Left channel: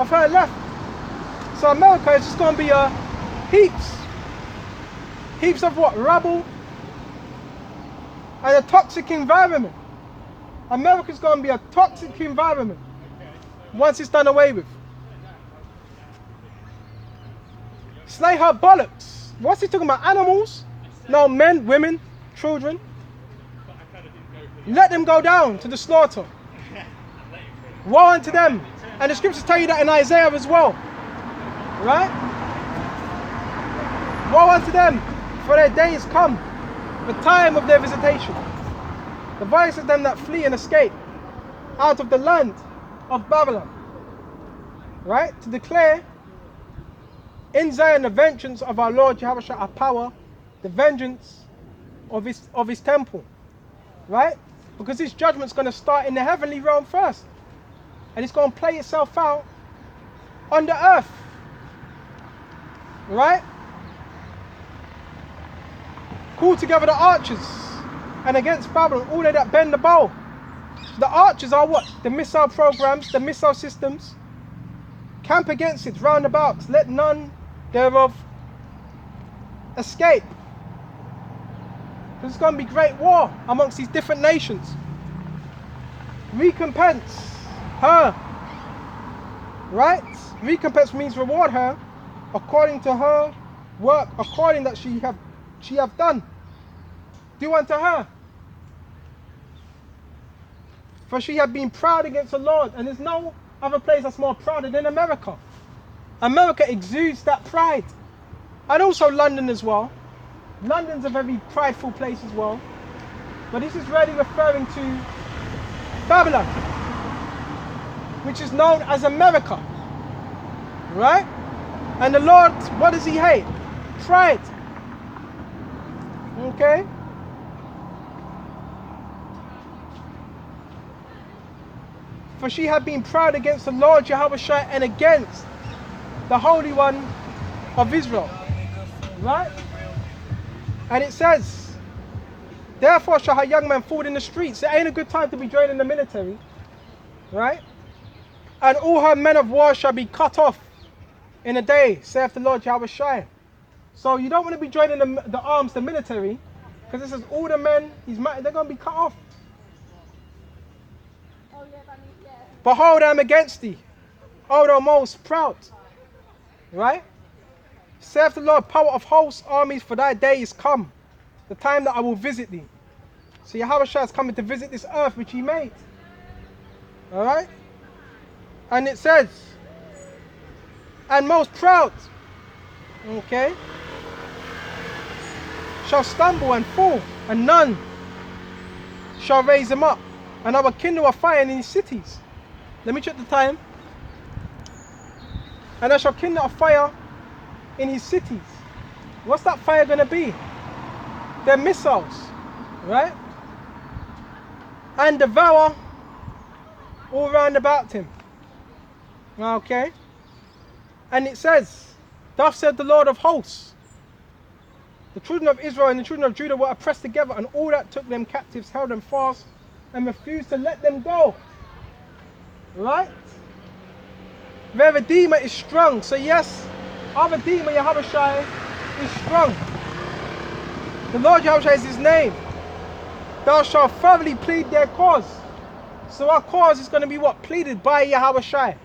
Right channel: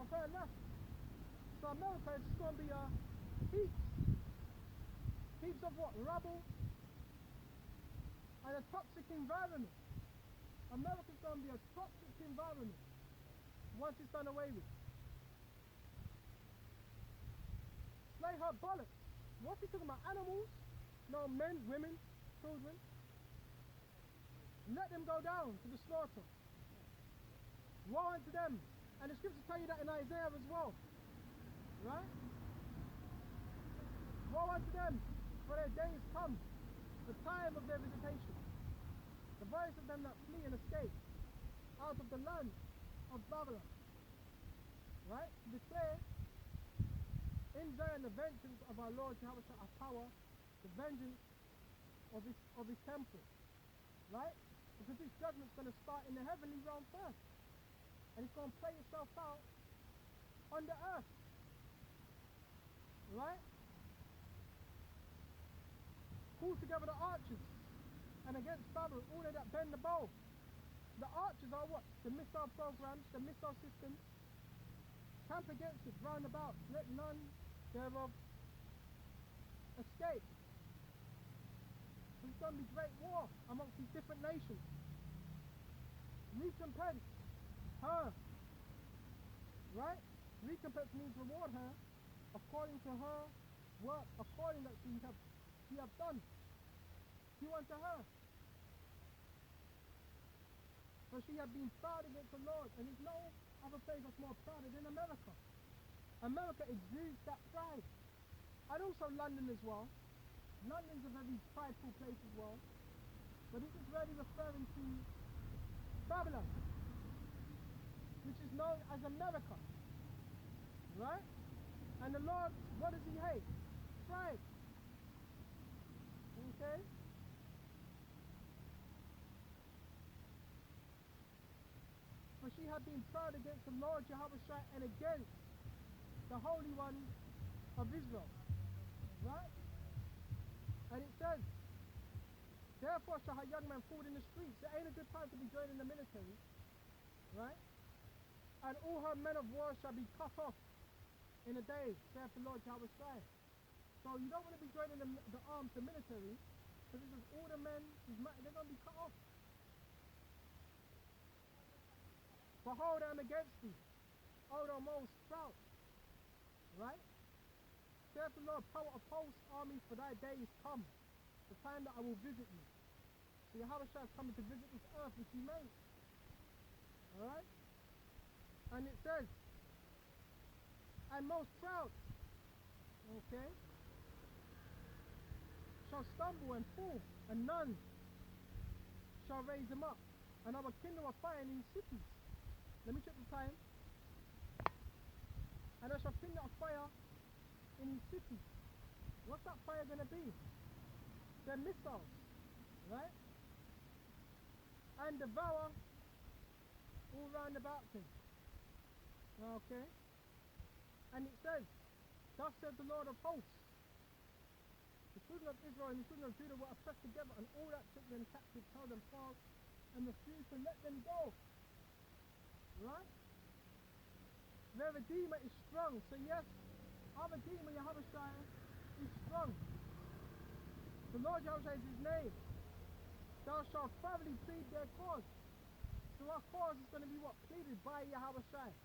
of her left. So America is just going to be a heaps of what? Rubble and a toxic environment. America's going to be a toxic environment once it's done away with. Slay her bullocks. What's he talking about? Animals? No, men, women, children. Let them go down to the slaughter. Woe unto them. And the scriptures tell you that in Isaiah as well. Right? Woe unto them, for their day is come, the time of their visitation. The voice of them that flee and escape out of the land of Babylon. Right? To declare in Zion the vengeance of our Lord Yahawashi, our power, the vengeance of his temple. Right? Because his judgment's going to start in the heavenly realm first. And it's going to play itself out on the earth. Right? Call together the archers and against Babylon, all they that bend the bow. The archers are what? The missile programs, the missile systems. Camp against it, roundabouts. Let none thereof escape. There's going to be great war amongst these different nations. Recompense her. Right? Recompense means reward her according to her work, according that she have done. Do unto her. For she had been proud against the Lord, and there's no other place that's more prouder than America. America exudes that pride. And also London as well. London's a very prideful place as well. But this is really referring to Babylon, which is known as America. Right? And the Lord, what does he hate? Pride. Okay? For she had been proud against the Lord Yahawashi and against the Holy One of Israel. Right? And it says, therefore shall her young men fall in the streets. It ain't a good time to be joining the military. Right? And all her men of war shall be cut off in a day, saith the Lord Yahawashi. So you don't want to be joining the arms, the military, because it says all the men, they're going to be cut off. Behold, I am against thee, O thou most proud. Right? Saith the Lord, power of hosts, armies, for thy day is come, the time that I will visit thee. So Yahawashi is coming to visit this earth which he made. Alright? And it says, and most proud, okay, shall stumble and fall, and none shall raise him up. And I will kindle a fire in his cities. Let me check the time. And I shall kindle a fire in his cities. What's that fire going to be? They're missiles, right? And devour all round about him. Okay? And it says, thus said the Lord of hosts, the children of Israel and the children of Judah were oppressed together, and all that took them captives held them fast and refused to let them go. Right? Their Redeemer is strong. So yes, our Redeemer Yahawashi is strong. The Lord Yahawashi is his name. Thou shalt thoroughly plead their cause. So our cause is going to be what? Pleaded by Yahawashi.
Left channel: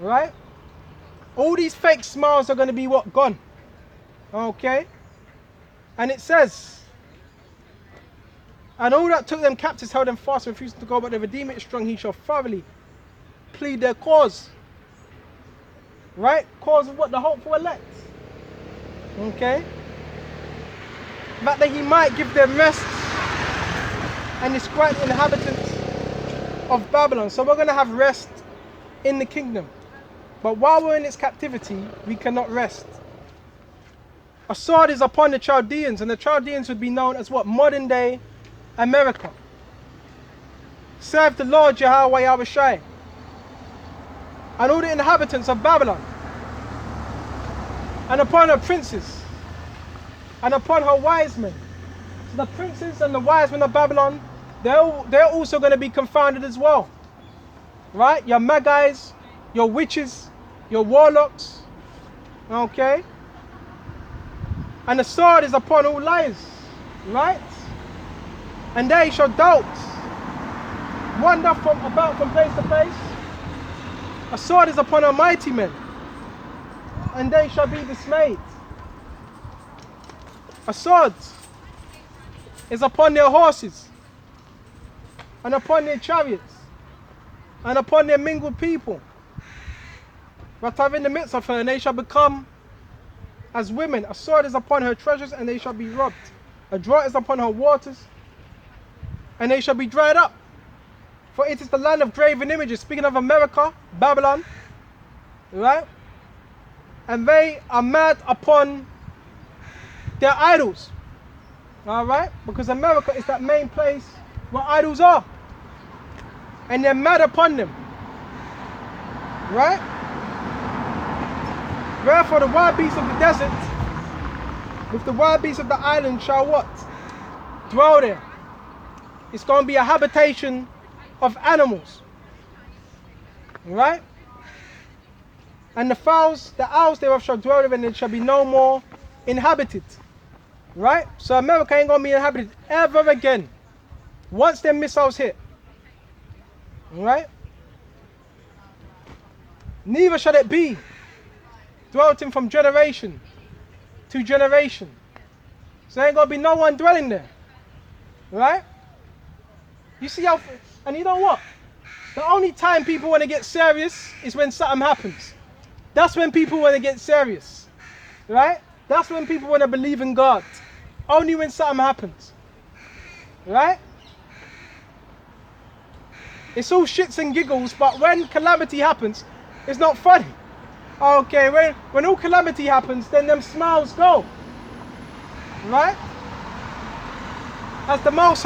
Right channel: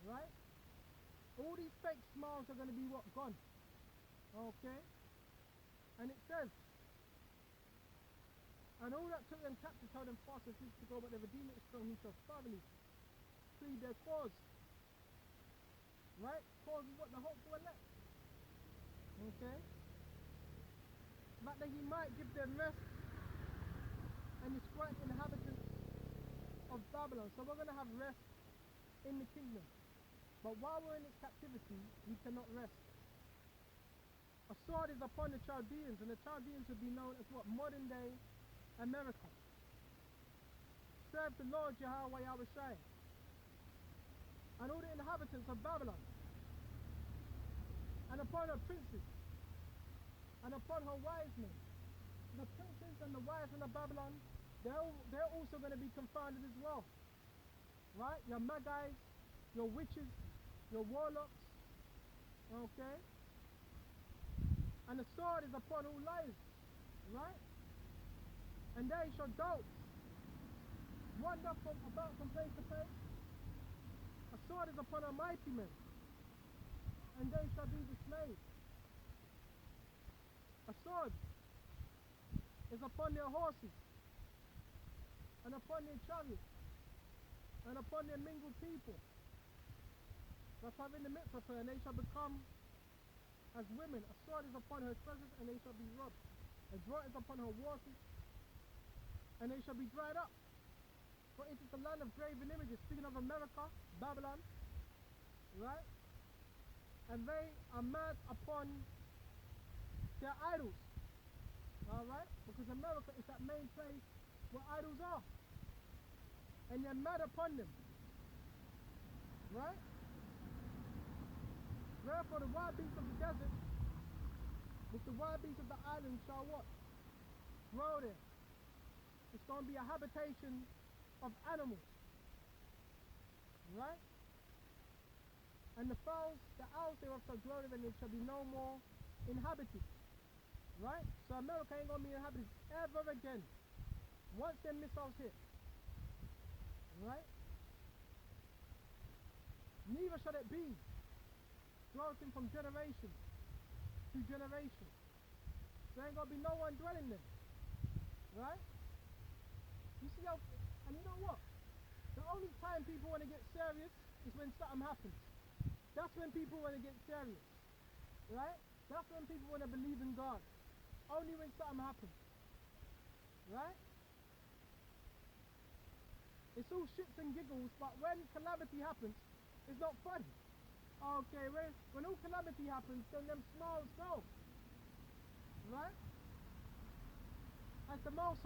Right? All these fake smiles are going to be what? Gone. Okay? And it says, and all that took them captives held them fast and refused to go, but the Redeemer is strong, he shall thoroughly plead their cause. Right? Cause of what? The hopeful elect. Okay? But that he might give them rest and disquiet the inhabitants of Babylon. So we're going to have rest in the kingdom. But while we're in its captivity, we cannot rest. A sword is upon the Chaldeans, and the Chaldeans would be known as what? Modern day America. Serve the Lord Yahweh Yahawashi and all the inhabitants of Babylon, and upon her princes, and upon her wise men. So the princes and the wise men of Babylon, they're also going to be confounded as well. Right? Your Magi's, your witches, your warlocks, okay? And the sword is upon all liars, right? And they shall doubt, wander about from place to place. A sword is upon our mighty men, and they shall be dismayed. A sword is upon their horses, and upon their chariots, and upon their mingled people. But I'm in the midst of her, and they shall become as women. A sword is upon her treasures, and they shall be robbed. A drought is upon her waters, and they shall be dried up. For it is the land of graven images. Speaking of America, Babylon, right? And they are mad upon their idols, all right? Because America is that main place where idols are. And they're mad upon them, right? Therefore the wild beasts of the desert, with the wild beasts of the island shall what? Dwell there. It's going to be a habitation of animals, right? And the fowls, the owls thereof shall dwell there, and it shall be no more inhabited, right? So America ain't going to be inhabited ever again once them missiles hit, right? Neither shall it be dwelt in from generation to generation. So there ain't going to be no one dwelling there, right? You see how, and you know what? The only time people want to get serious is when something happens. That's when people want to get serious, right? That's when people want to believe in God. Only when something happens, right? It's all shits and giggles, but when calamity happens, it's not funny. Okay, when all calamity happens, then them smiles go, right? As the Most